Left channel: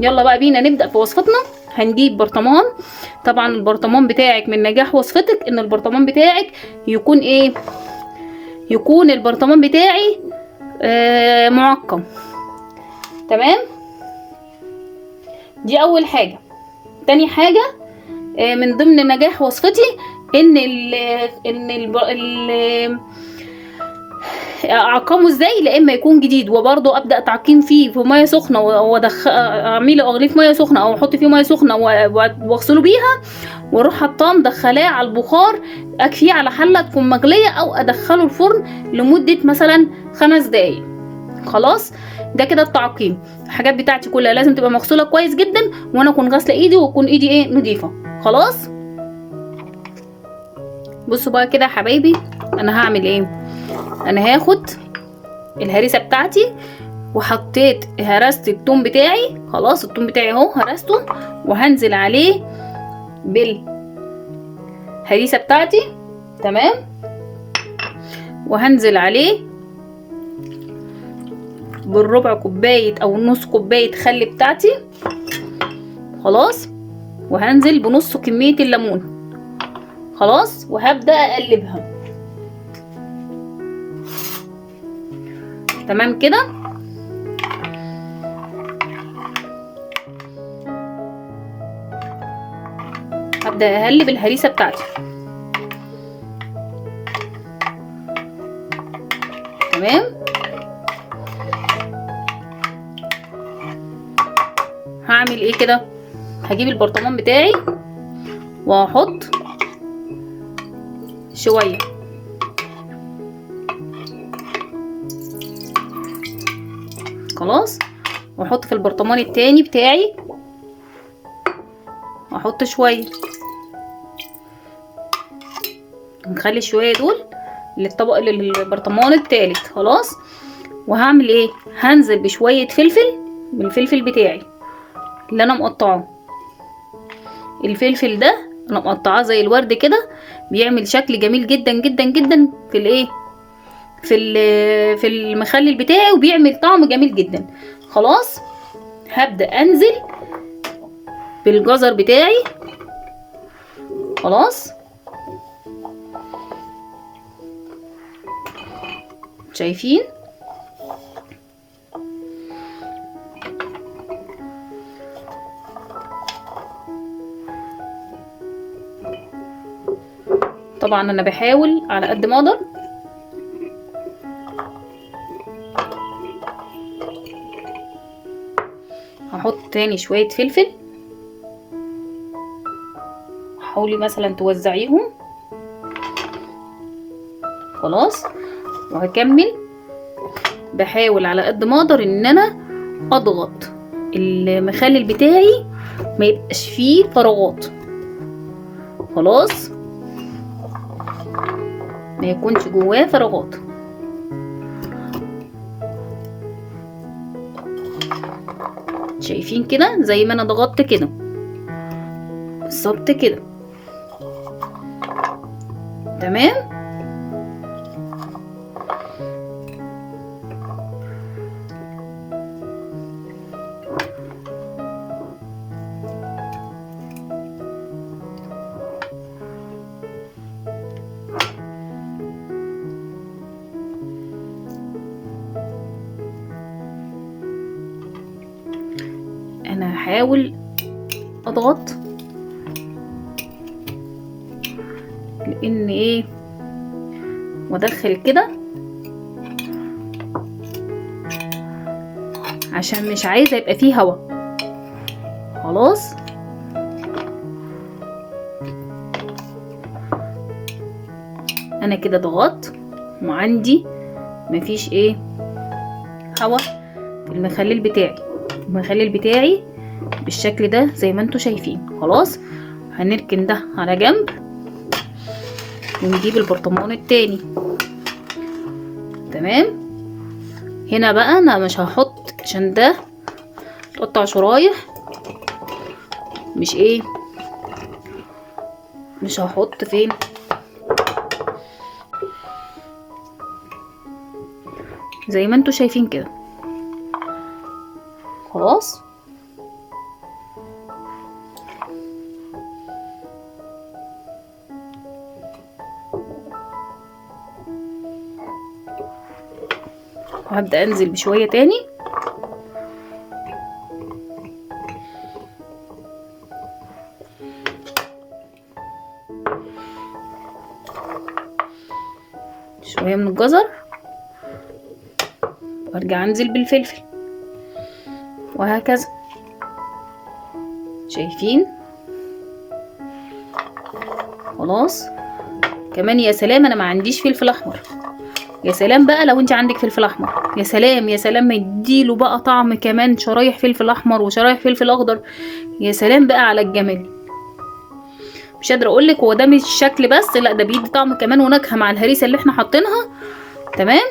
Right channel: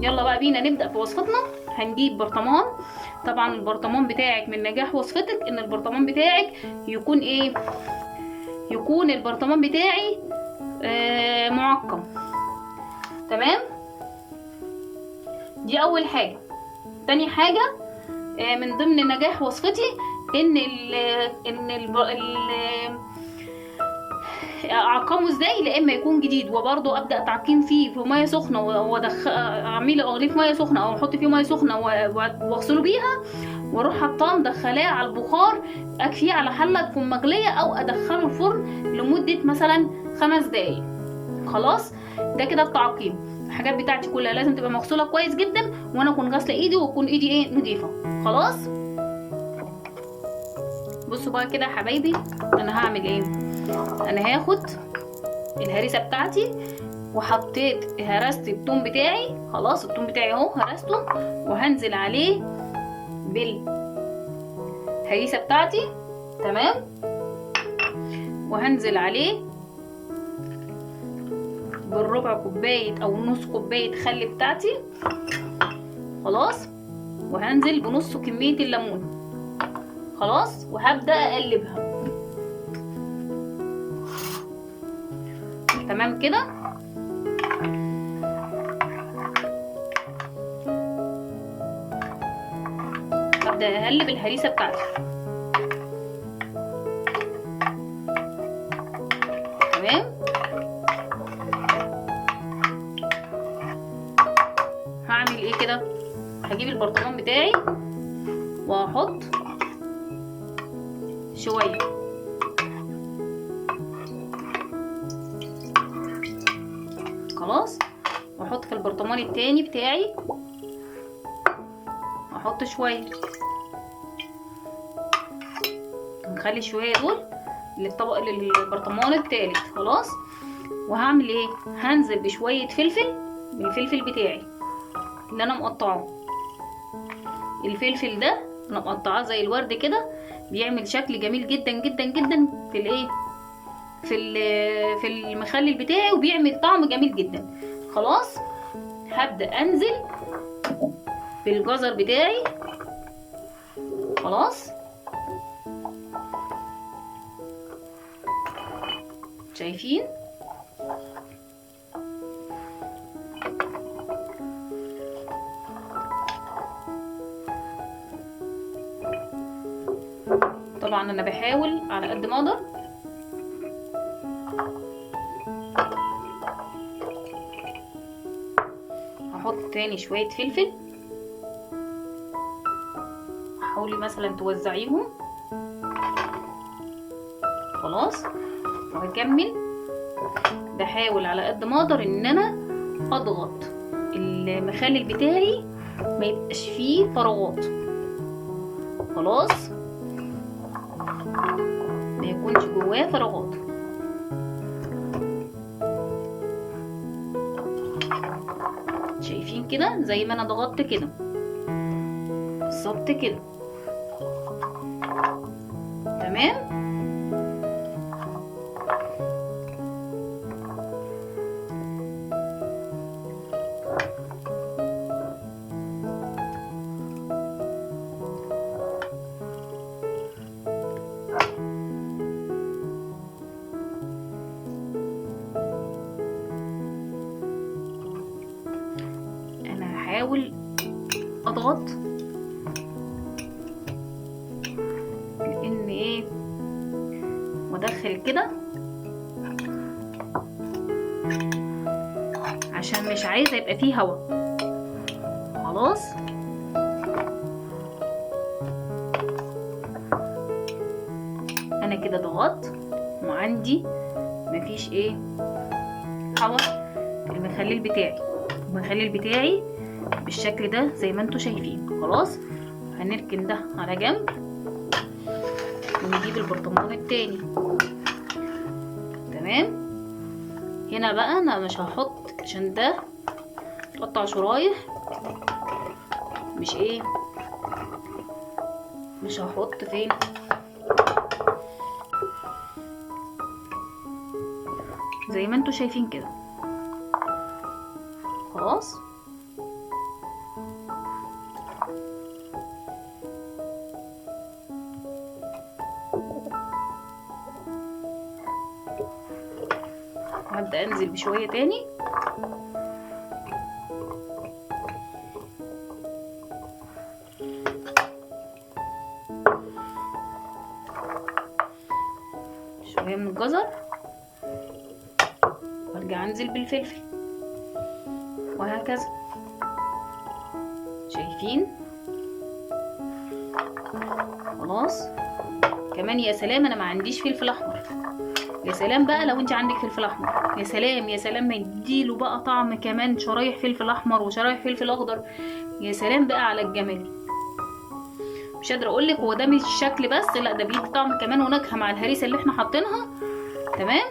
يلا بقى بينا نبدأ في وصفتنا. هنجيب برطمان. طبعا البرطمان بتاعك من نجاح وصفتك ان البرطمان بتاعك يكون ايه، يكون البرطمان بتاعي معقم. تمام، دي اول حاجة. تاني حاجة من ضمن نجاح وصفتي ان اعقمه ازاي، لا اما يكون جديد وبرضه ابدا تعقيم فيه في ميه سخنه اعمله اغليه في ميه سخنه او احط فيه ميه سخنه واغسله بيها واروح حطاه مدخلاه على البخار، اكفيه على حله تكون مغليه او ادخله الفرن لمده مثلا 5 دقايق. خلاص، ده كده التعقيم. الحاجات بتاعتي كلها لازم تبقى مغسوله كويس جدا، وانا اكون غاسله ايدي واكون ايدي ايه نظيفه. خلاص، بصوا بقى كده يا حبايبي، انا هعمل ايه. انا هاخد الهريسه بتاعتي وحطيت هرست التوم بتاعي. خلاص، التوم بتاعي اهو هرسته، وهنزل عليه بالهريسه بتاعتي. تمام، وهنزل عليه بالربع كوبايه او نص كوبايه خل بتاعتي. خلاص، وهنزل بنص كميه الليمون. خلاص، وهبدا اقلبها. تمام كده. هبدا اقلب الهريسه بتاعتي. تمام، هعمل ايه كده. هجيب البرطمان بتاعي وهحط شويه خلاص، واحط في البرطمان التاني بتاعي واحط شويه. نخلي شويه دول للبرطمان التالت. خلاص، وهعمل ايه. هنزل بشويه فلفل من الفلفل بتاعي اللي انا مقطعه. الفلفل ده انا مقطعاه زي الورد كده، بيعمل شكل جميل جدا جدا جدا في الايه، في المخلل بتاعي، وبيعمل طعم جميل جدا. خلاص، هبدأ انزل بالجزر بتاعي. خلاص، شايفين. طبعا انا بحاول على قد ما اقدر هحط تاني شوية فلفل. حاولي مثلا توزعيهم. خلاص، وهكمل بحاول على قد ما اقدر ان انا اضغط المخلل بتاعي ما يبقاش فيه فراغات. خلاص، ما يكونش جواه فراغات. شايفين كده زي ما انا ضغطت كده بالظبط كده. تمام، انا هحاول اضغط لان ايه وادخل كده عشان مش عايزه يبقى فيه هوا. خلاص، انا كده ضغطت وعندي مفيش ايه هوا في المخلل بتاعي بالشكل ده زي ما انتوا شايفين. خلاص، هنركن ده على جنب ونجيب البرطمان التاني. تمام، هنا بقى انا مش هحط عشان ده تقطع شرايح، مش هحط فين. زي ما انتوا شايفين كده. خلاص. وهبدأ انزل بشوية تاني. شوية من الجزر، وارجع انزل بالفلفل، وهكذا. شايفين؟ خلاص. كمان يا سلام انا ما عنديش فلفل احمر، يا سلام بقى لو انت عندك فلفل احمر، يا سلام يا سلام، ما يديله بقى طعم كمان، شرايح فلفل احمر وشرايح فلفل اخضر، يا سلام بقى على الجمال. مش قادره اقول لك، هو ده مش شكل بس، لا ده بيدي طعم كمان ونكهه مع الهريسه اللي احنا حاطينها. تمام،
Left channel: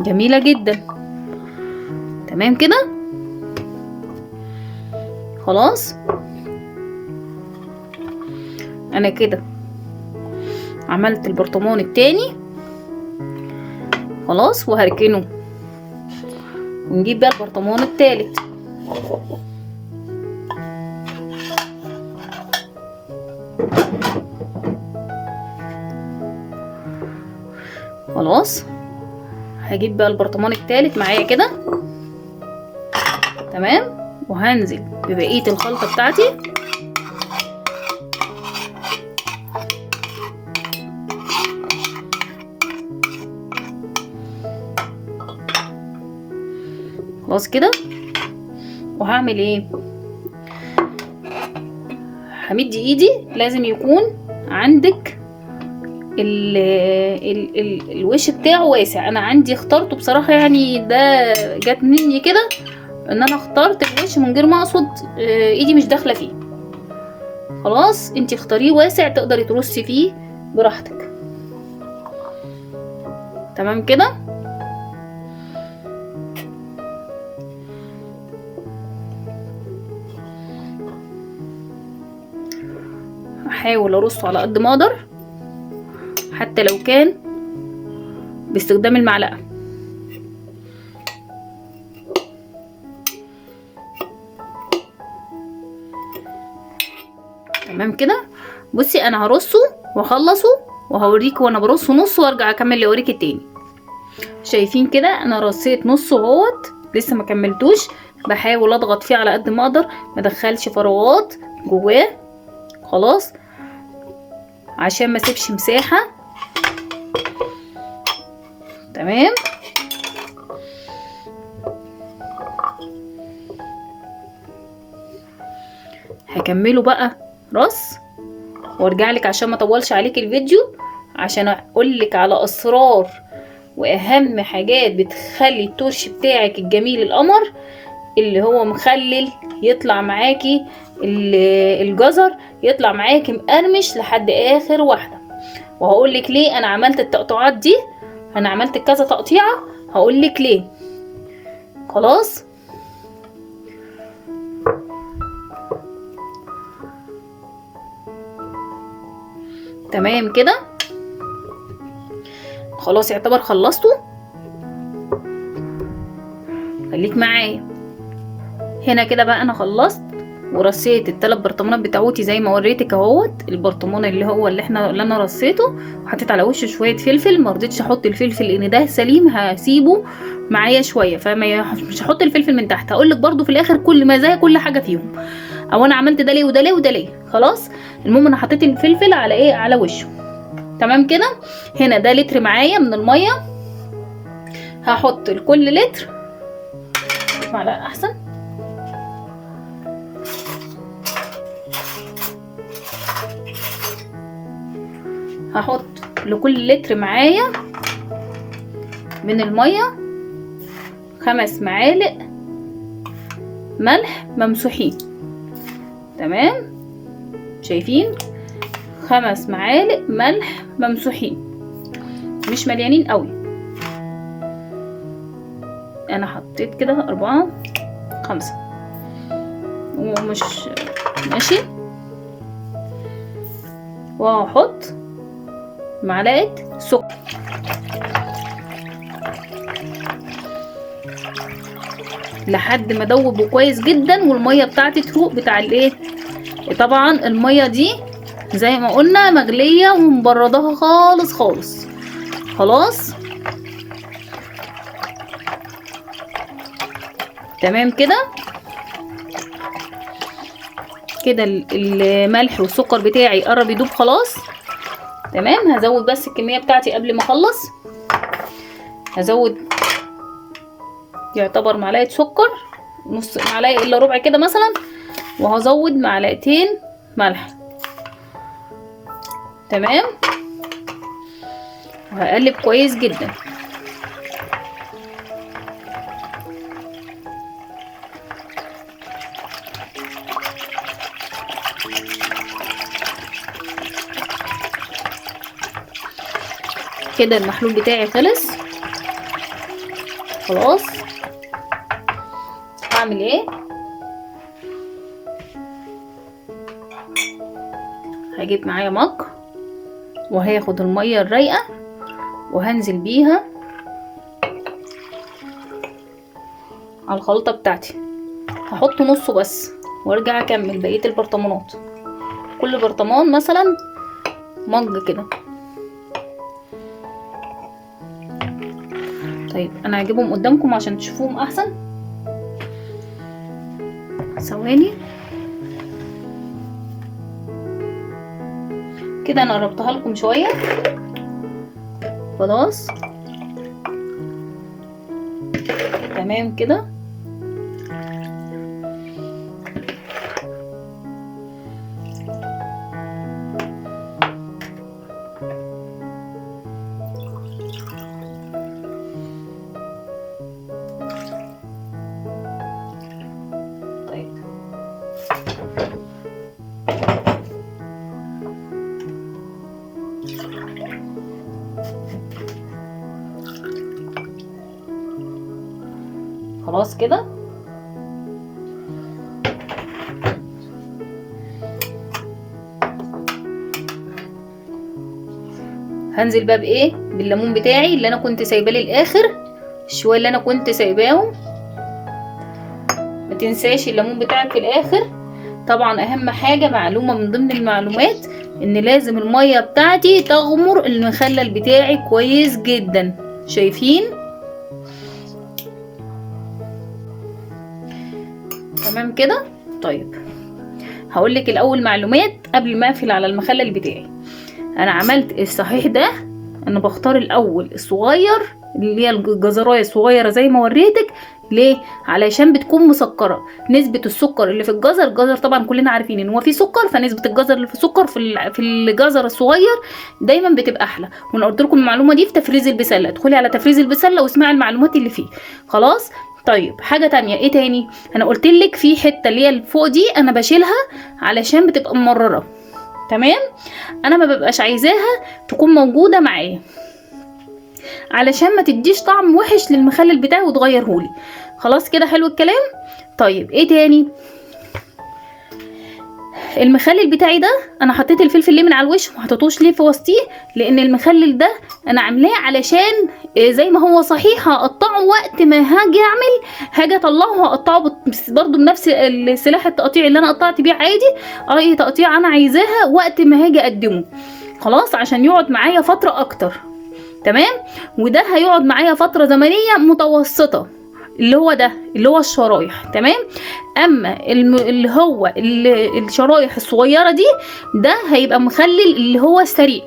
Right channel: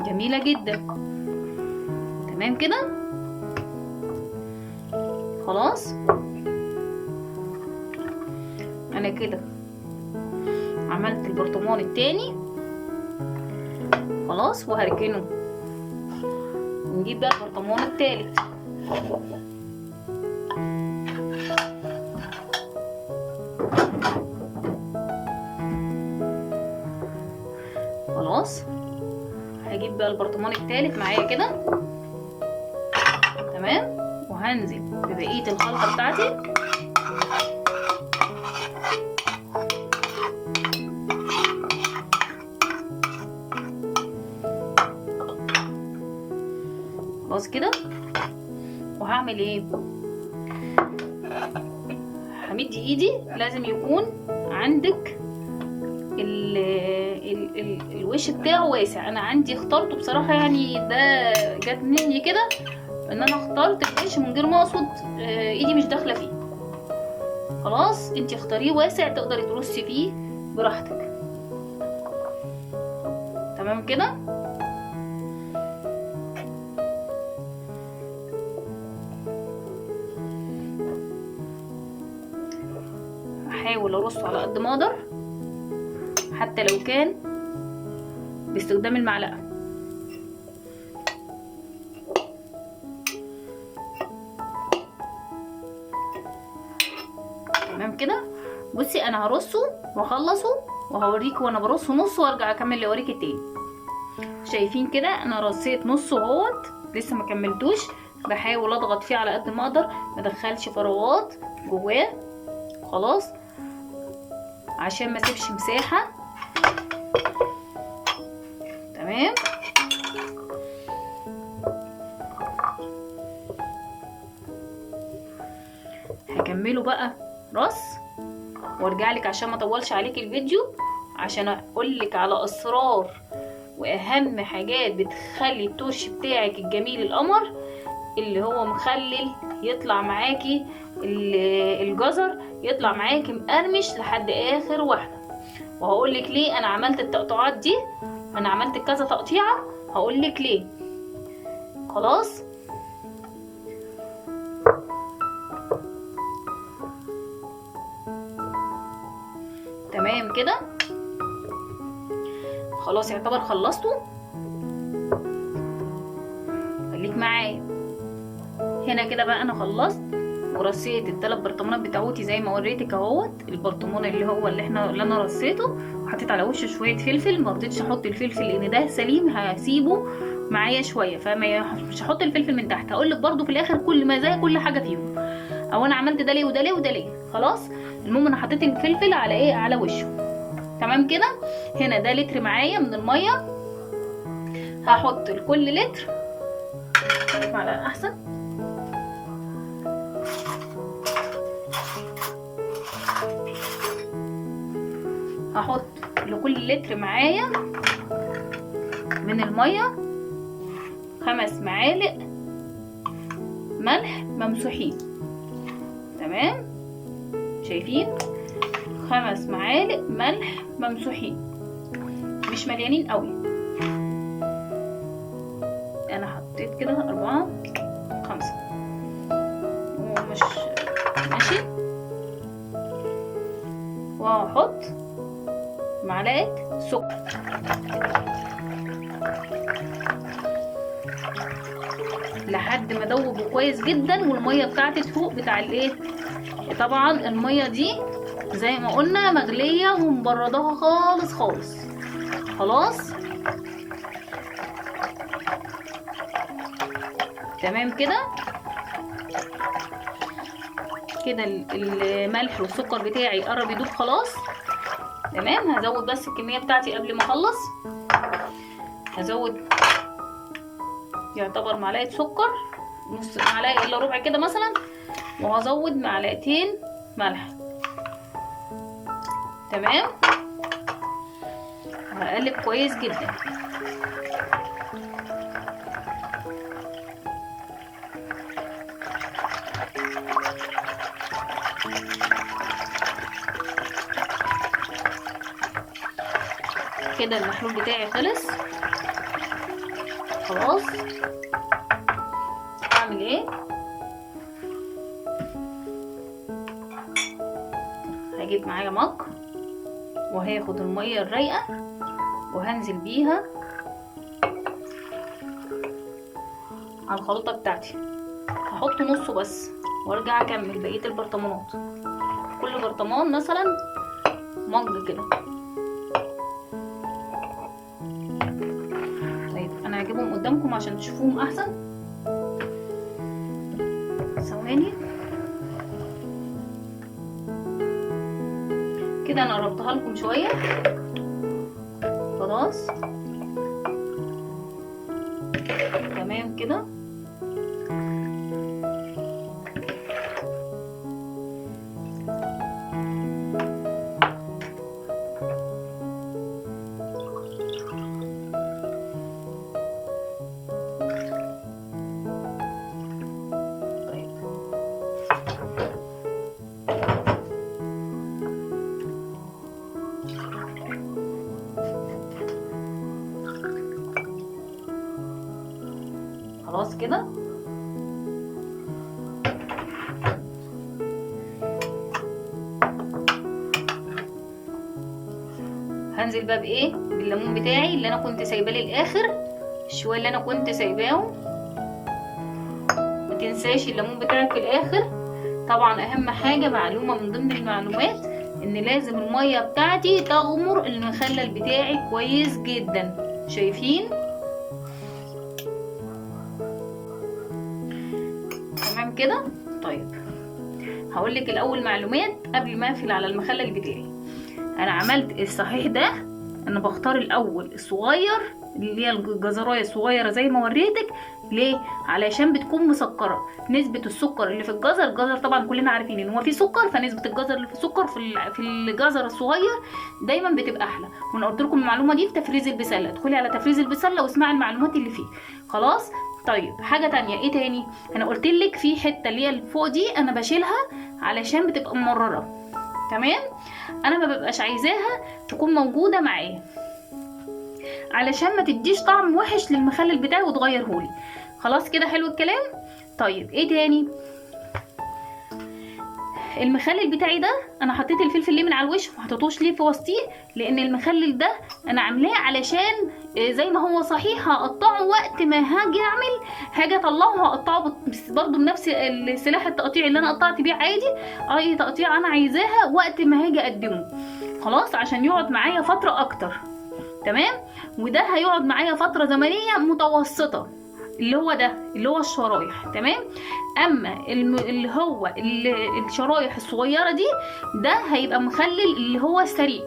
جميله جدا. تمام كده. خلاص انا كده عملت البرطمان التاني خلاص، وهركنه، ونجيب بقى البرطمان التالت. خلاص هجيب بقى البرطمان التالت معايا كده. تمام، وهنزل ببقية الخلطة بتاعتي. خلاص كده. وهعمل ايه؟ همد ايدي، لازم يكون عندك الوش بتاعه واسع. انا عندي اخترته بصراحة، يعني ده جت مني كده ان انا اخترت الوش من غير ما اقصد، ايدي مش داخله فيه. خلاص انتي اختاريه واسع تقدري ترصي فيه براحتك. تمام كده. هحاول ارصه على قد ما اقدر، حتى لو كان باستخدام المعلقه. تمام كده. بصي انا هرصه واخلصه وهوريك وانا برصه نص، وارجع اكمل اوريك التاني. شايفين كده انا رصيت نصه اهوت، لسه ما كملتوش. بحاول اضغط فيه على قد ما اقدر، ما ادخلش فراغات جواه. خلاص، عشان ما اسيبش مساحه. تمام. هكمله بقى رص وارجع لك عشان ما اطولش عليك الفيديو، عشان اقول لك على اسرار واهم حاجات بتخلي التورش بتاعك الجميل القمر اللي هو مخلل يطلع معاكي الجزر يطلع معاكي مقرمش لحد اخر واحده. وهقول لك ليه انا عملت التقطيعات دي، انا عملت كذا تقطيعه، هقول لك ليه. خلاص. تمام كده. خلاص يعتبر خلصته. خليك معايا هنا كده بقى. انا خلصت ورصيت الثلاث برطمانات بتاعتي زي ما وريتك اهوت. البرطمان اللي انا رصيته، وحطيت على وشه شويه فلفل. ما رضيتش احط الفلفل لان ده سليم، هسيبه معايا شويه، مش هحط الفلفل من تحت. هقول لك برده في الاخر كل مزايا كل حاجه فيهم، او انا عملت ده ليه وده ليه وده ليه. خلاص. المهم انا حطيت الفلفل على ايه؟ على وشه. تمام كده. هنا ده لتر معايا من الميه. هحط لكل لتر معلقه احسن. هحط لكل لتر معايا من الميه 5 معالق ملح ممسوحين. تمام. شايفين؟ 5 معالق ملح ممسوحين، مش مليانين قوي. انا حطيت كده 4 5 ومش ماشي. وهحط معلقه سكر. لحد ما ادوبه كويس جدا والميه بتاعتي تروق بتاع الايه. طبعا الميه دي زي ما قلنا مغليه ومبردها خالص خالص. خلاص تمام كده. كده الملح والسكر بتاعي قرب يدوب خلاص. تمام. هزود بس الكميه بتاعتي قبل ما اخلص. هزود يعتبر معلقه سكر، نص معلقه الا ربع كده مثلا، وهزود معلقتين ملح. تمام. وهقلب كويس جدا. كده المحلول بتاعي خلص خلاص. هعمل ايه؟ هجيب معايا مج وهاخد الميه الرايقه وهنزل بيها على الخلطه بتاعتي. هحط نصه بس وارجع اكمل بقيه البرطمانات. كل برطمان مثلا مج كده. طيب انا هجيبهم قدامكم عشان تشوفوهم احسن. ثواني كده. انا قربتها لكم شويه خلاص. تمام كده. خلاص كده. هنزل بقى بايه؟ بالليمون بتاعي اللي انا كنت سايباه للاخر. الشويه اللي انا كنت سايباهم، ما تنساش الليمون بتاعك في الاخر. طبعا اهم حاجه معلومه من ضمن المعلومات ان لازم الميه بتاعتي تغمر المخلل بتاعي كويس جدا. شايفين؟ تمام كده. طيب هقولك الاول معلومات قبل ما اقفل على المخلل بتاعي. انا عملت الصحيح ده. انا بختار الاول الصغير اللي هي الجزرايه الصغيره زي ما وريتك. ليه؟ علشان بتكون مسكره. نسبه السكر اللي في الجزر طبعا كلنا عارفين ان هو فيه سكر، فنسبه الجزر اللي في السكر في الجزر الصغير دايما بتبقى احلى. وانا قلت لكم المعلومه دي في تفريز البسله. ادخلي على تفريز البسله واسمعي المعلومات اللي فيه. خلاص. طيب حاجه تانية ايه تاني؟ انا قلت لك في حته اللي هي فوق دي انا بشيلها علشان بتبقى ممرره. تمام. انا ما ببقاش عايزاها تكون موجوده معايا علشان ما تديش طعم وحش للمخلل بتاعي وتغيرهولي. خلاص كده. حلو الكلام. طيب ايه تاني؟ المخلل بتاعي ده انا حطيت الفلفل ليه من على الوش وما حطيتوش ليه في وسطيه؟ لان المخلل ده انا عاملاه علشان زي ما هو صحيح هقطعه وقت ما هاجي اطلعه هقطعه برضو بنفس السلاح التقطيع اللي انا قطعت بيه عادي. اي تقطيع انا عايزاها وقت ما هاجي اقدمه. خلاص عشان يقعد معايا فتره اكتر. تمام. وده هيقعد معايا فتره زمنيه متوسطه اللي هو ده اللي هو الشرايح. تمام. اما اللي هو الشرايح الصغيره دي ده هيبقى مخلل اللي هو السريع.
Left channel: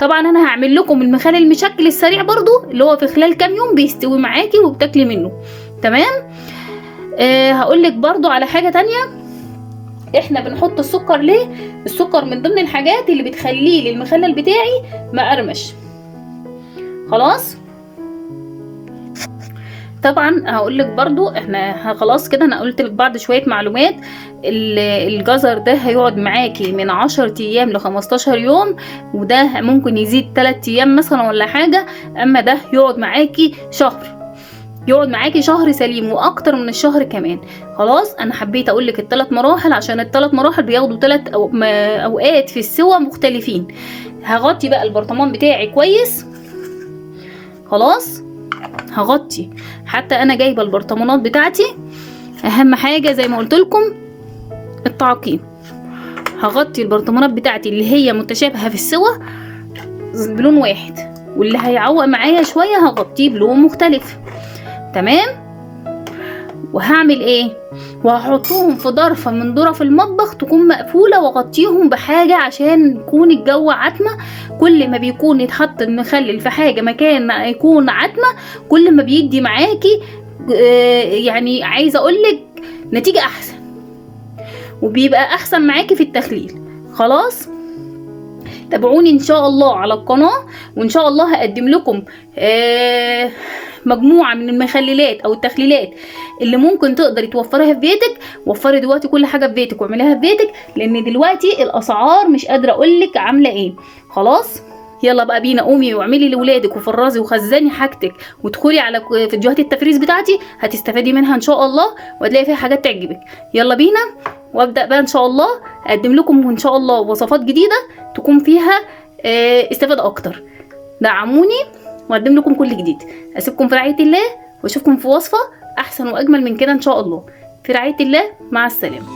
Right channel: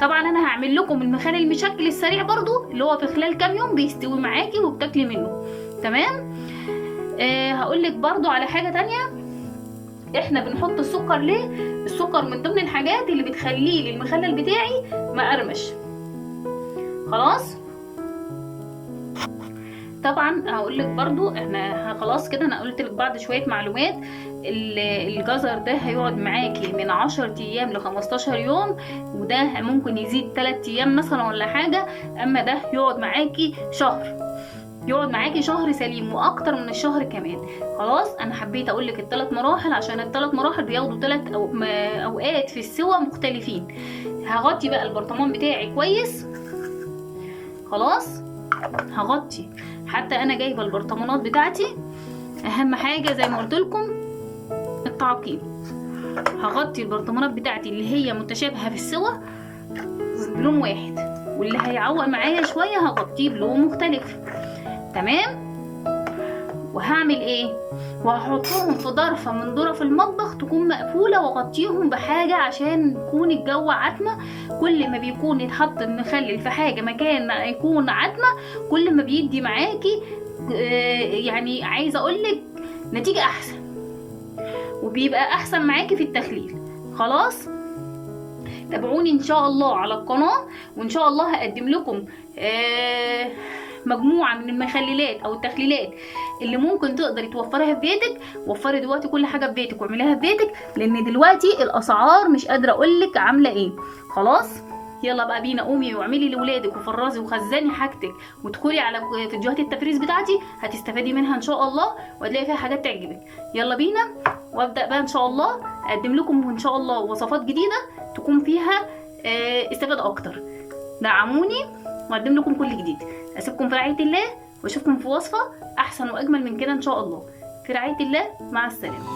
طبعا انا هعمل لكم المخلل المشكل السريع برضو اللي هو في خلال كام يوم بيستوي معاكي وبتاكلي منه. تمام. هقولك برضو على حاجه تانية. احنا بنحط السكر ليه؟ السكر من ضمن الحاجات اللي بتخليه للمخلل بتاعي مقرمش. خلاص. طبعا هقولك برضو احنا خلاص كده. انا قلت لك بعد شويه معلومات. الجزر ده هيقعد معاكي من 10 ايام ل 15 يوم، وده ممكن يزيد 3 ايام مثلا ولا حاجه. اما ده يقعد معاكي شهر، يقعد معاكي شهر سليم واكتر من الشهر كمان. خلاص. انا حبيت اقولك الثلاث مراحل عشان الثلاث مراحل بياخدوا 3 اوقات في السوا مختلفين. هغطي بقى البرطمان بتاعي كويس. خلاص. هغطي. حتى انا جايبه البرطمانات بتاعتي، اهم حاجه زي ما قلت لكم التعقيم. هغطي البرطمانات بتاعتي اللي هي متشابهه في السوى بلون واحد، واللي هيعوق معايا شويه هغطيه بلون مختلف. تمام. وهعمل ايه؟ وهحطهم في ضرفه من ضرف المطبخ تكون مقفوله، واغطيهم بحاجه عشان يكون الجو عتمه. كل ما بيكون يتحط المخلل في حاجه مكان يكون عتمه، كل ما بيدي معاكي يعني عايزه اقولك نتيجه احسن، وبيبقى احسن معاكي في التخليل. خلاص، تابعوني ان شاء الله على القناه، وان شاء الله هقدم لكم مجموعه من المخللات او التخليلات اللي ممكن تقدري توفريها في بيتك. وفري دلوقتي كل حاجه في بيتك واعمليها في بيتك، لان دلوقتي الاسعار مش قادره اقولك عامله ايه. خلاص، يلا بقى بينا قومي واعملي لاولادك وفرزي وخزني حاجتك، وادخلي على فيديوهات التفريز بتاعتي، هتستفادي منها ان شاء الله، وهتلاقي فيها حاجات تعجبك. يلا بينا، وابدا بقى ان شاء الله اقدم لكم ان شاء الله وصفات جديده تكون فيها استفاده اكتر. دعموني واقدم لكم كل جديد. اسيبكم في رعايه الله، واشوفكم في وصفه احسن واجمل من كده ان شاء الله. في رعايه الله، مع السلامه.